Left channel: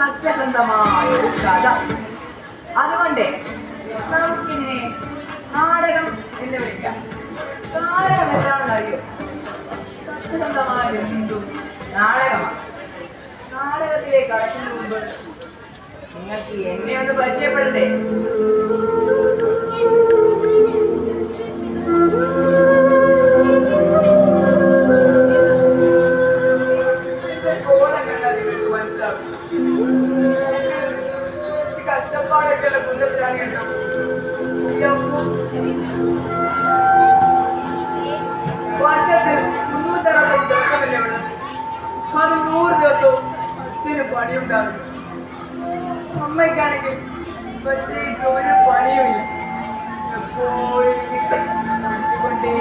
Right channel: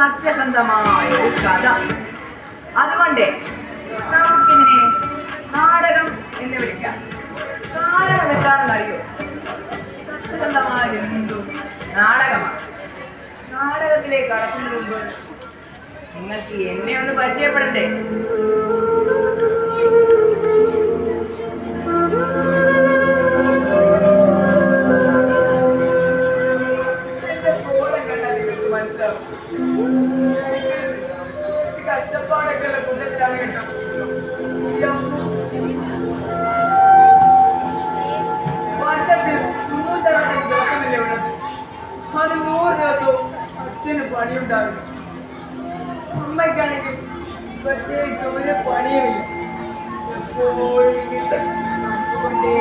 സത്യസന്ധമായ ഒരു കഥ. അതുകൊണ്ട് നമുക്കിതിനെ നാടകം എന്ന് വിളിക്കാം. കാരണം എന്താണെന്ന് അറിയോ? സത്യസന്ധമായ എന്തും നാടകമാണ്. നാടകത്തിലേക്ക് കടക്കുന്നതിന് മുമ്പ് നിങ്ങൾക്ക് എന്നെ ഒന്ന് പരിചയപ്പെടണ്ടേ? എന്റെ കോലം കണ്ടാൽ നിങ്ങൾക്ക് മനസ്സിലാവും. കഷ്ടപ്പാടൊക്കെ ഉള്ള കുന്നത്തിലാണ് കേട്ടോ. വർഷത്തിൽ 365 ദിവസമല്ലേ ഉള്ളത്. അത് 100 ദിവസവും അച്ഛന് പണിയുണ്ടാകും. അമ്മയ്ക്കാണെങ്കിൽ പ്രത്യേകിച്ച് ഒരു പണിയുമില്ല. എപ്പോഴും കൊണ്ടേ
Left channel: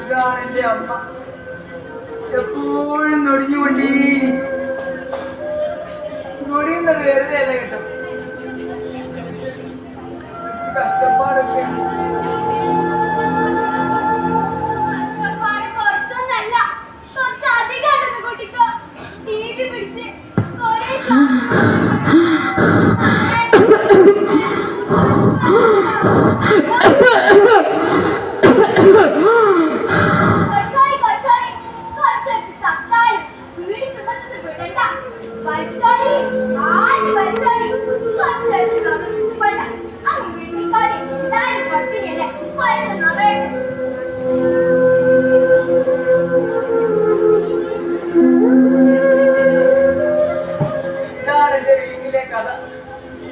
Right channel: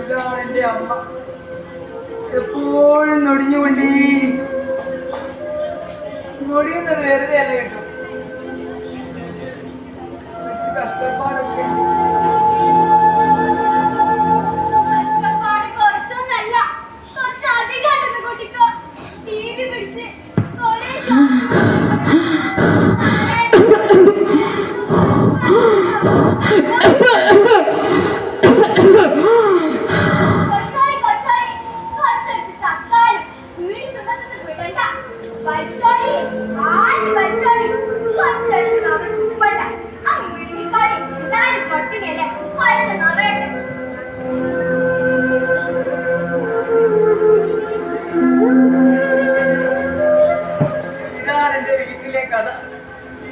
ഇതാണ് എന്റെ അമ്മ. എപ്പോഴും നൊടിഞ്ഞുകൊണ്ടേ നൊടിയുന്നത് വെറുതെ അല്ല കേട്ടോ. കഷ്ടപ്പാടൊക്കെ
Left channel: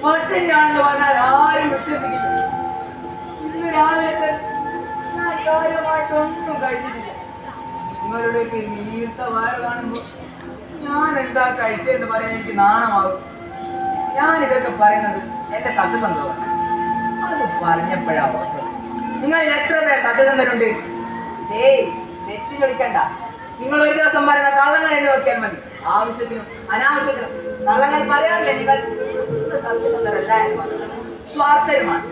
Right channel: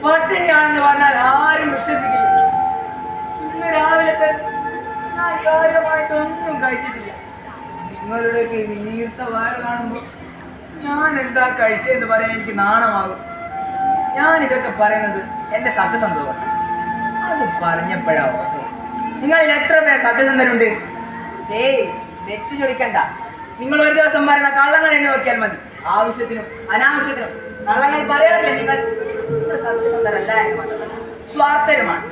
പട്ടിണിയാണെന്ന് പറഞ്ഞാൽ ആരും വിശ്വസിക്കില്ല. ഇന്ന് രാവിലെ തന്നെ ഞാൻ കാര്യമായിട്ടൊന്നും കഴിച്ചിട്ടില്ല. നിങ്ങളുടെയൊക്കെ വീർത്ത വയറ് കാണുമ്പോൾ ഞാൻ എന്താ കഴിച്ചതെന്ന് പറയാൻ എനിക്ക് നാണമാകും. ഞാൻ ഇതൊക്കെ പറയുന്നത് എന്റെ സത്യസന്ധമാണ്. അത് പറഞ്ഞപ്പോഴാ ഓർത്തത്. നിങ്ങളിൽ എത്ര പേർ സത്യസന്ധനുണ്ട്? തെറ്റ് ചൊടിക്കണ്ട. നിങ്ങൾ ഒരു ദിവസം പറയുന്ന കള്ളങ്ങൾ എണ്ണി നോക്കിയാൽ മതി. ആവശ്യത്തിനും അനാവശ്യത്തിനും കള്ളങ്ങൾ പറയാറില്ലേ നിങ്ങൾ? സത്യസന്ധരല്ല എന്ന് പറഞ്ഞു. സ്വാർത്ഥരുമാണ്.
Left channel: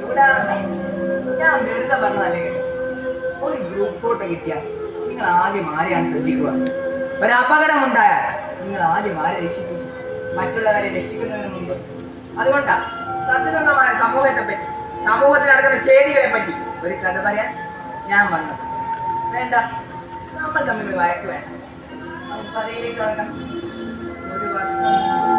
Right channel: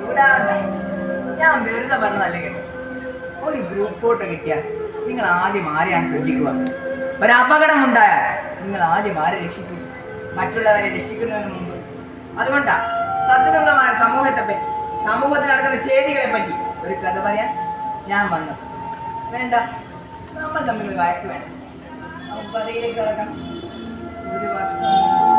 ചൂടാവണ്ട. ഞാൻ വെറുതെ പറഞ്ഞതല്ലേ കേട്ടോ. ഒരു ഗ്രൂപ്പ് ഫോട്ടോ കിട്ടിയാൽ നിങ്ങൾ ആദ്യം ആരെയാണ് ശ്രദ്ധിക്കുക? ഒരു അപകടം ഉണ്ടായാൽ നിങ്ങൾ ആദ്യം ആരെ രക്ഷിക്കുന്നു? മറ്റുള്ളവരെ രക്ഷിക്കുന്നതിന് മുമ്പ്. അതുകൊണ്ടാ സത്യസന്ധമായ സമൂഹത്തെ പറ്റി, സമൂഹത്തിൽ നടക്കുന്ന ചെയ്തികളെ പറ്റി ഒരു കഥ പറയാൻ ഞാൻ വന്നത്. വേണ്ട, നമ്മൾ തമ്മിൽ വഴക്ക് വേണ്ട. നമുക്ക് കഥയിലേക്ക് കടക്കാം. ഒരു വർഷം